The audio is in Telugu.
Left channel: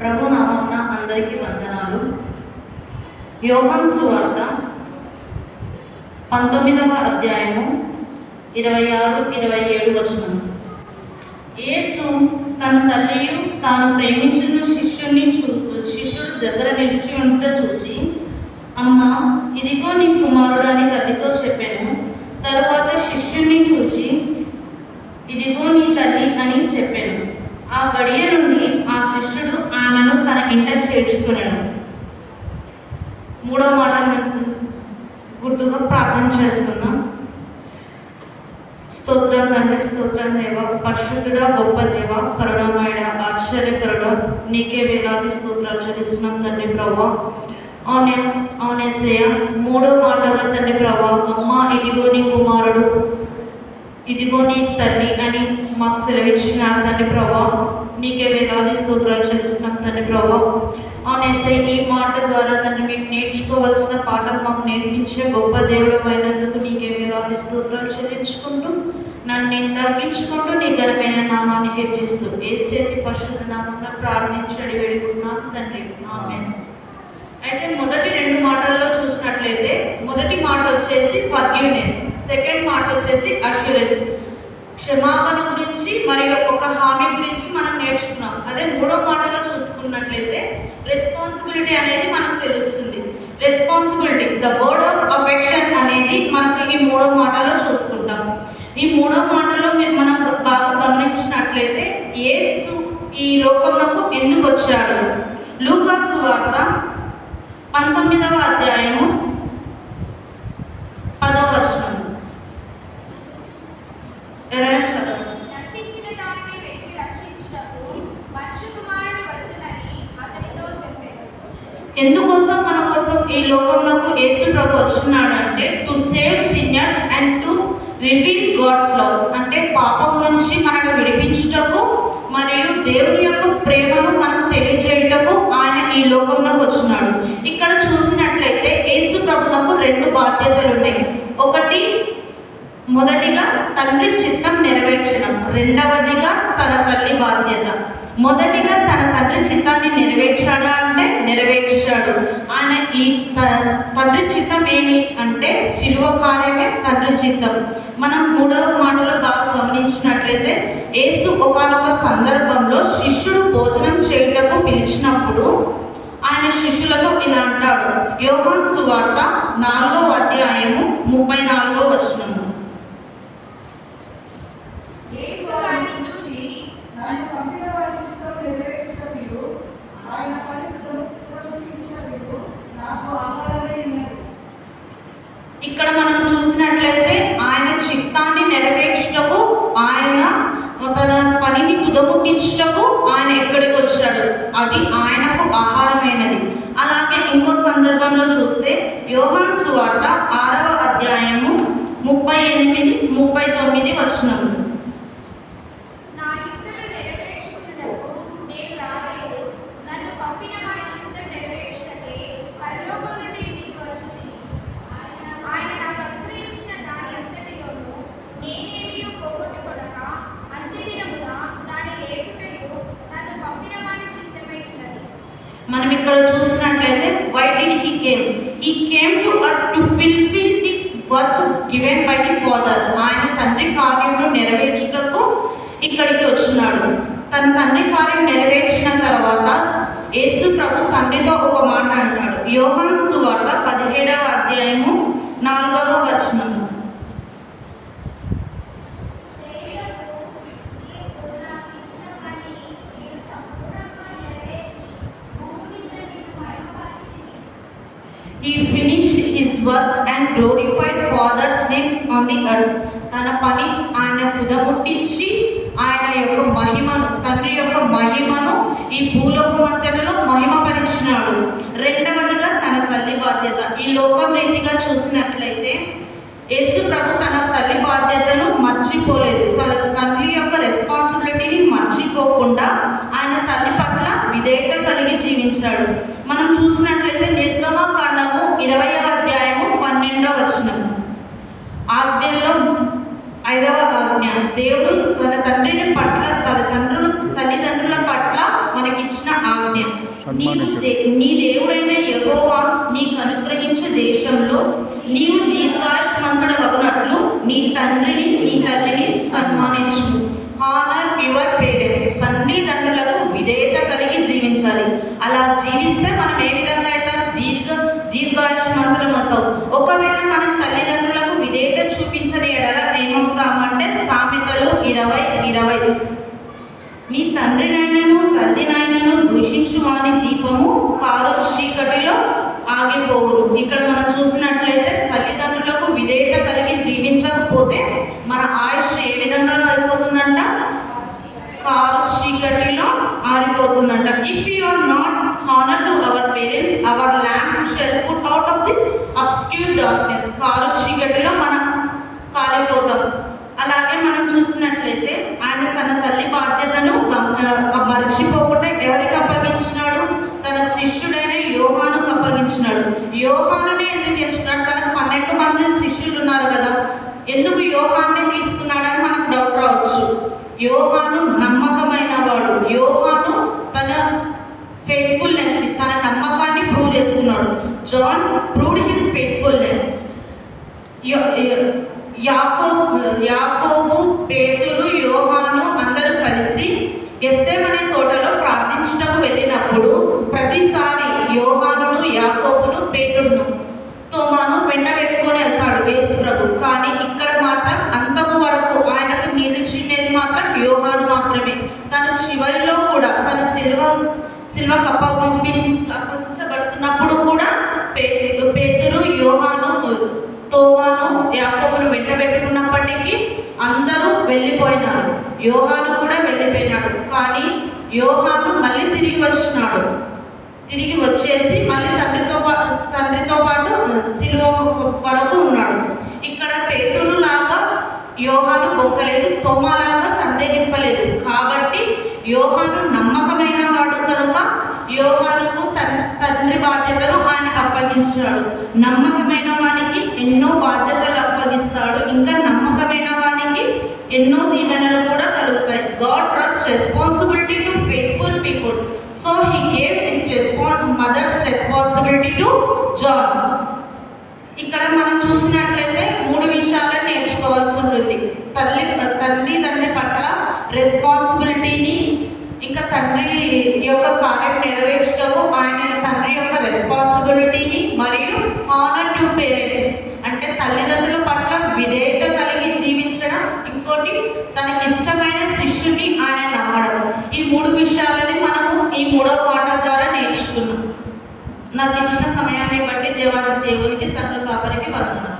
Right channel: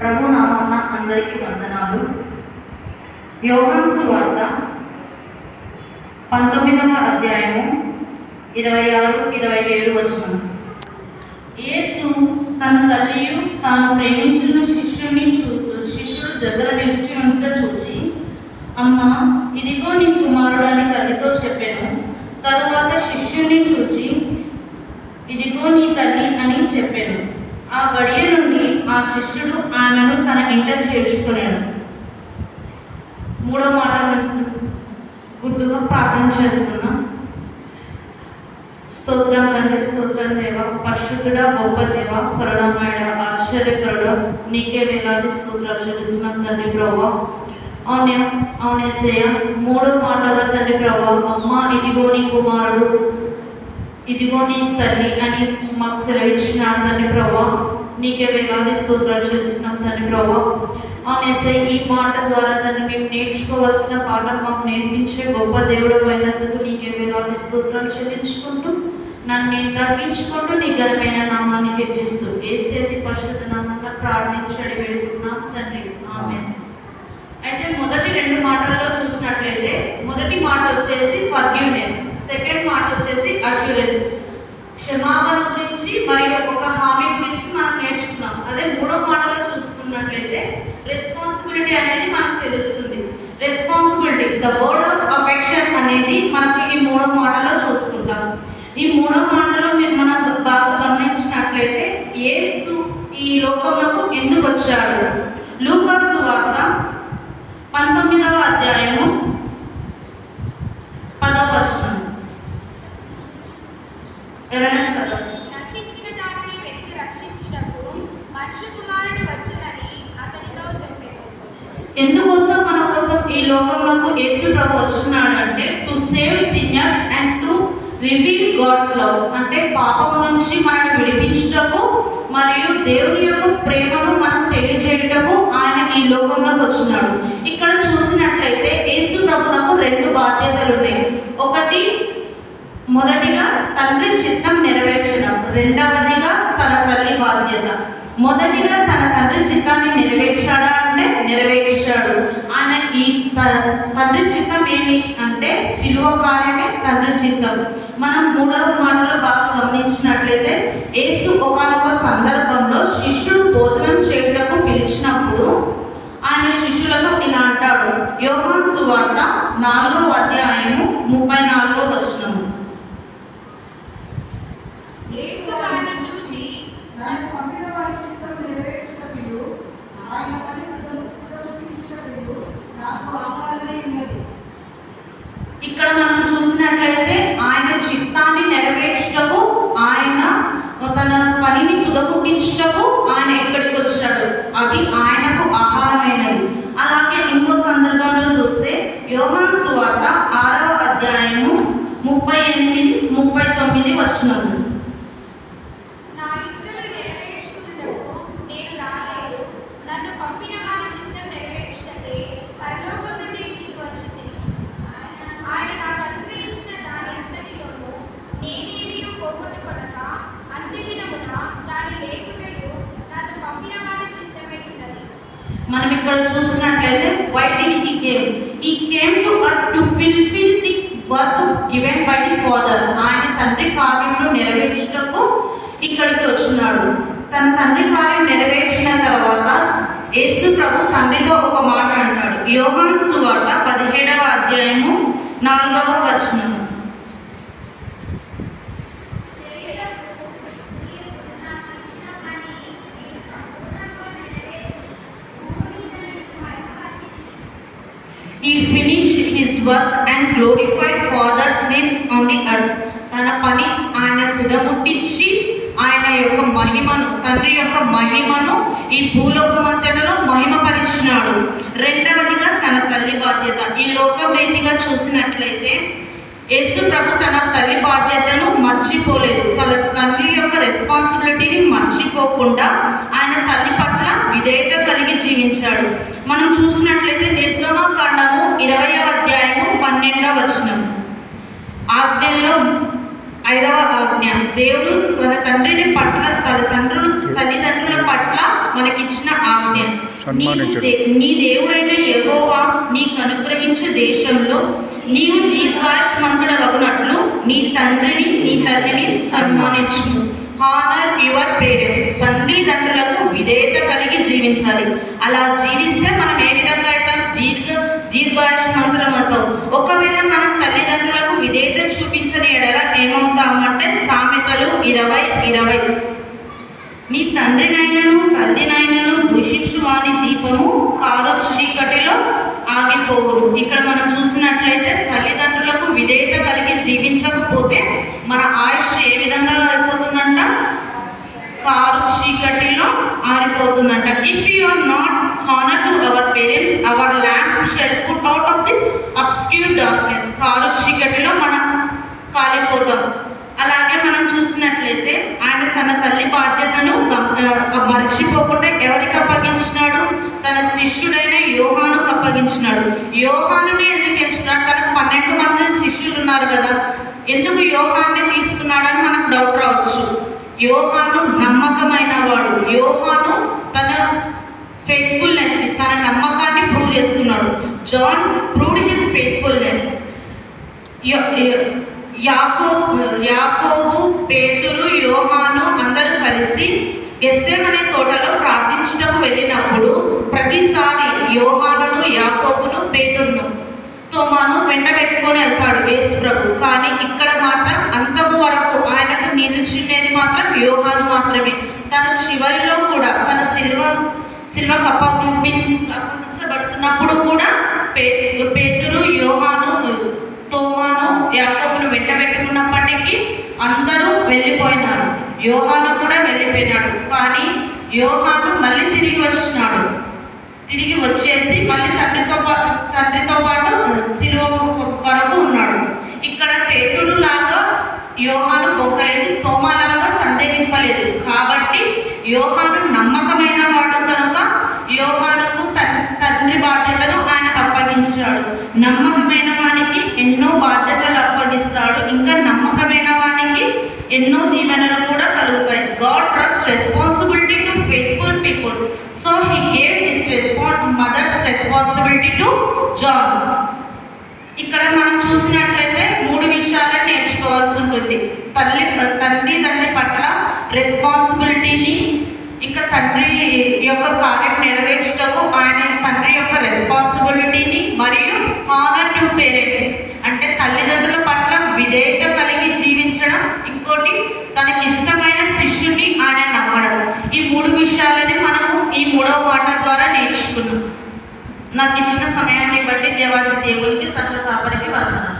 ప్రభు నామమున అందరికీ వందనాలు. యోహాను సువార్త 19వ అధ్యాయము 26-27 వచనం. యేసు తన తల్లియు తాను ప్రేమించిన శిష్యుడు దగ్గర నిలిచి ఉంట చూచి, అమ్మా, ఇదిగో నీ కుమారుడు అని తల్లితో చెప్పాను. తరువాత శిష్యుని చూచి, ఇదిగో నీ తల్లి అని చెప్పాను. ఆ గడియ నుండి ఆ శిష్యుడు ఆమెను తన ఇంట చేర్చుకున్నాడు. మూడో మాట గుర్తుగా ప్రార్థన చేస్తున్నాం. స్తోత్రం తండ్రి, స్తోత్రం దేవ, పరిశుద్ధుడా, గొప్ప దేవ, కరుణమయుడ, ఆశ్చర్యకరుడు, నీకే వేలాది స్తోత్రాలు చెల్లిస్తున్నాం తండ్రి ప్రభువా. అవునేసయ్య, మూడో మాటగా తండ్రి ప్రభువా, అమ్మ ఇదిగో నీ కుమారుడు, ఇదిగో నీ తల్లి అని మాకు సెలవిచ్చినాడు తండ్రి ప్రభువా. నీకే వేలాది స్తోత్రాలు చెల్లిస్తున్నాం తండ్రి ప్రభువా. అవునేసయ్య, ఈ మాట ద్వారా తండ్రి మేము నేర్చుకోవాల్సిన పాఠం మాకు నేర్పించే గొప్ప దేవుడు అయినందుకు నీకే వేలాది స్తోత్రాలు చెల్లించుకుంటూ, నన్ను నేను తగ్గించుకుంటూ నీ ఘనమైన నామాన్ని హెచ్చిస్తూ యేసు పరిశుద్ధ నామంలో ప్రార్థించడి వేడుకుంటున్నాం తండ్రి, ఆమేన్. అయితే మొదటి రెండు మాటల్లో చూసినట్లయితే, మొదటి మాట వచ్చేసి ఫర్గివ్నెస్, సెకండ్ మాట వచ్చేసి అష్యూరెన్స్, క్షమాపణ గురించి మరియు ఒక హామీ గురించి మనం నేర్చుకున్నాం. అదే మూడో మాటలో చూసుకున్నట్లయితే రెస్పాన్సిబిలిటీ అనేది మనకు తెలుస్తుంది. Responsibility, the word of affection అనేది మనకి ఈ మూడో మాటలో చూసుకుంటాం. ఈ మూడో మాటలో మనం బాగా గమనించినట్లయితే యేసు ఈ లోకంలోకి ఎందుకు వచ్చాడు? లూకా సువార్త 19వ అధ్యాయము 10వ వచనం. ఎందుకోసం మన కోసం ఈ లోకంలోకి యేసు ప్రభు వచ్చినాడు అంటే to save sinners and to reveal God's love, అంటే పాపం నుంచి మనల్ని విడిపించుటకు మరియు దేవుని యొక్క ప్రేమను మనకు తెలియజేయటకు ఆయన ఈ లోకంలోకి వచ్చినాడు. ఇక్కడ చూసినట్లయితే యేసు ప్రభువుకు రెండు బాధ్యతలు ఉన్నాయి. ఒకటి, మొదటిగా తండ్రి చిత్తం నెరవేర్చడం, రెండవదిగా తన తల్లి బాధ్యత. మొదటిగా తన తండ్రి చిత్తాన్ని నెరవేర్చాడా అంటే నెరవేర్చాడు. ఆయన ఈ తండ్రి చిత్తం ఏమి అంటే శిలువ కార్యమే తండ్రి చిత్తం. మనం మూడవ మాటలో బాగా గమనించినట్లయితే యేసు ఒకానొక సందర్భంలో శిష్యుడు భోజనం చేయటకు పిలిచినప్పుడు ఆయన శిష్యులతో ఇలా అంటాడు. యోహాను సువార్త 4వ అధ్యాయము 34వ వచనము. ఇక్కడ మనం చూసినట్లయితే ఆయన చిత్తాన్ని నెరవేర్చుటకు, ఆయన తన పనిని కుదముట్టించుటకు ఆయన ఎక్కడికి వచ్చాడు, అది ఆయనకు ఆహారమైనది. అలాగే ఇంకో సందర్భంలో చూస్తే యోహాను సువార్త 6వ అధ్యాయము 38-39 వచనములు. మనం ఇక్కడ చూసినట్లయితే why did he came? He came to earth to fulfill the work given by the Father. ఆయన తండ్రి కార్యమును నెరవేర్చుటకు ఇక్కడికి వచ్చినాడు. తన తండ్రి కార్యం నెరవేర్చిన తర్వాత యేసు ప్రభు తండ్రితో ఒక మాట అంటాడు. యోహాను సువార్త 17వ అధ్యాయము 4వ వచనము. He finished his work and glorified Father's name on the earth. తన పని ఆయన తుదముట్టించి ఆయన యొక్క మహిమను, తండ్రి యొక్క మహిమను ఈ భూలోకమంతటిలో మహిమపరిచినాడు. రెండవదిగా తన తల్లి బాధ్యత. ఈ లోకం రీతిగా చూసినట్లయితే యేసు ప్రభు తన తల్లి బాధ్యతను మర్చిపోలేదు. తన తండ్రి యొక్క రెస్పాన్సిబిలిటీని మర్చిపోకుండా ఆయన తల్లి పట్ల విధేయత కలిగి జీవించాడు. మనం చూసినట్లయితే నిర్గమకాండము 20వ అధ్యాయము 12వ వచనం. ఆజ్ఞలో 5వ ఆజ్ఞ, దేవుడు తన తండ్రిని పట్ల, తన తల్లిదండ్రుల పట్ల మనకిచ్చిన ఆజ్ఞ. ఆజ్ఞ. సన్మానించడం. నీ దేవుడైన యెహోవా నీకు అనుగ్రహించే దేశంలో నీవు దీర్ఘాయుష్మంతుడవగునట్లు నీ తండ్రిని నీ తల్లిని సన్మానించు. Honour your parents. తండ్రులకు విధేయత కలిగి జీవించాలి. అలా జీవిస్తే మనం ఏ విధంగా అయితే దీర్ఘాయుష్మంతులం అవుతాం. ఒకవేళ మనం తల్లిదండ్రులకు విధేయత చూపించని ఎడల ఏమవుతామంటే సామెతలు 20:20 నీ తండ్రినైనను తల్లినైనను దూషించు వాని దీపము కారు చీకటిలో ఆగిపోవును. ఇక్కడ మనం చూసినట్లయితే తల్లిదండ్రులకు విధేయత కలిగి జీవించకపోతే మన ఆయుష్ ఏ విధంగా అయిపోతుందంట? కారు చీకటిలో ఆరిపోతుందంట. If you are not honour to our parents our lamp shall put out of the obscure darkness. కారు చీకటిలో మనం కాలిపోతాం. అలాగే మనం చూసినట్లయితే ఆయన తన తల్లి బాధ్యతను మర్చిపోకుండా ఎవరికి అప్పగించినాడు? తన శిష్యుడైన యోహానుకు అప్పగించినాడు. యోహానుని ఎందుకు ఎంచుకున్నాడు? తనకు 12 మంది శిష్యులు ఉన్నారు కదా, ఎందుకు యోహాన్ని తీసుకున్నాడని మనకు డౌట్ రావచ్చు. యోహాను నమ్మకమైన వాడు. యోహాను తన ఫెయిత్ఫుల్నెస్, తన నమ్మకాన్ని ప్రూవ్ చేస్తున్నాడు. John proved his faithfulness. Yakobu, Pethuru, యోహాను అందరూ కలిసి గెత్సేమనే తోటలో ప్రార్థించుటకు వెళ్ళినప్పుడు ప్రతిసారి యోహానును, యాకోబును, పేతురును, తోమాను వెంట పెట్టుకొని వెళ్తాడు యేసు ప్రభు. కానీ ఇక్కడ మాత్రం అంతము వరకు ఆయనకు నిలిచినది మాత్రం యోహాను మాత్రమే. తను చివరిలో కూడా తన సిలువకు అప్పగించబడుతున్నప్పుడు కూడా పేతురు, యోహాను, తోమాను, యాకోబును వెంట పెట్టుకున్నప్పటికీ అందరూ వెళ్ళిపోయినారు. యోహాను కూడా వెళ్ళిపోయినాడు. కానీ యోహాను మళ్ళీ తిరిగి వచ్చినాడు. తిరిగి వచ్చేసి మళ్ళీ తండ్రితో పాటు సిలువ వరకు ఉన్నాడు. ఇక్కడ పేతురు లాగా యోహాను బొక్కలేదు, తోమాలాగా సందేహింపలేదు. కాబట్టి యోహాను నమ్మకమైన వాడు కనుక యోహానుకు తండ్రి బాధ్యతను ఆయనకు అప్పగించాడు. నమ్మకమైన వానికి ఎన్నో బాధ్యతలు అప్పగిస్తాడు. ఇంకా నమ్మకమైన వానికి ఎన్నో దీవెనలు కూడా కలుగుతాయి. God trust responsibility to faithful people. So he gave his mother's responsibility to John. ఇక్కడ మనం చూసినట్లయితే 3 విషయాలను నేర్చుకోవాల్సి ఉంటుంది. తండ్రి పట్ల రెస్పాన్సిబిలిటీని, ఇంకా తండ్రి యొక్క కార్యం నెరవేర్చటకు ఆయన తండ్రి యొక్క రెస్పాన్సిబిలిటీని, మరియు హానర్ టు పేరెంట్స్ అంటే తల్లిదండ్రుల పట్ల విధేయత కలిగి జీవించడం, ఇంకోటి తనకి ఇష్టమైన శిష్యుని ఆయన నమ్మడం. ఈ 3 విషయాలని మనము ఈ 3వ మాట ద్వారా నేర్చుకున్నాం. నాకు ఇచ్చిన సమయాన్ని బట్టి దేవునికి సంఘ కాపరికి వందనాలు.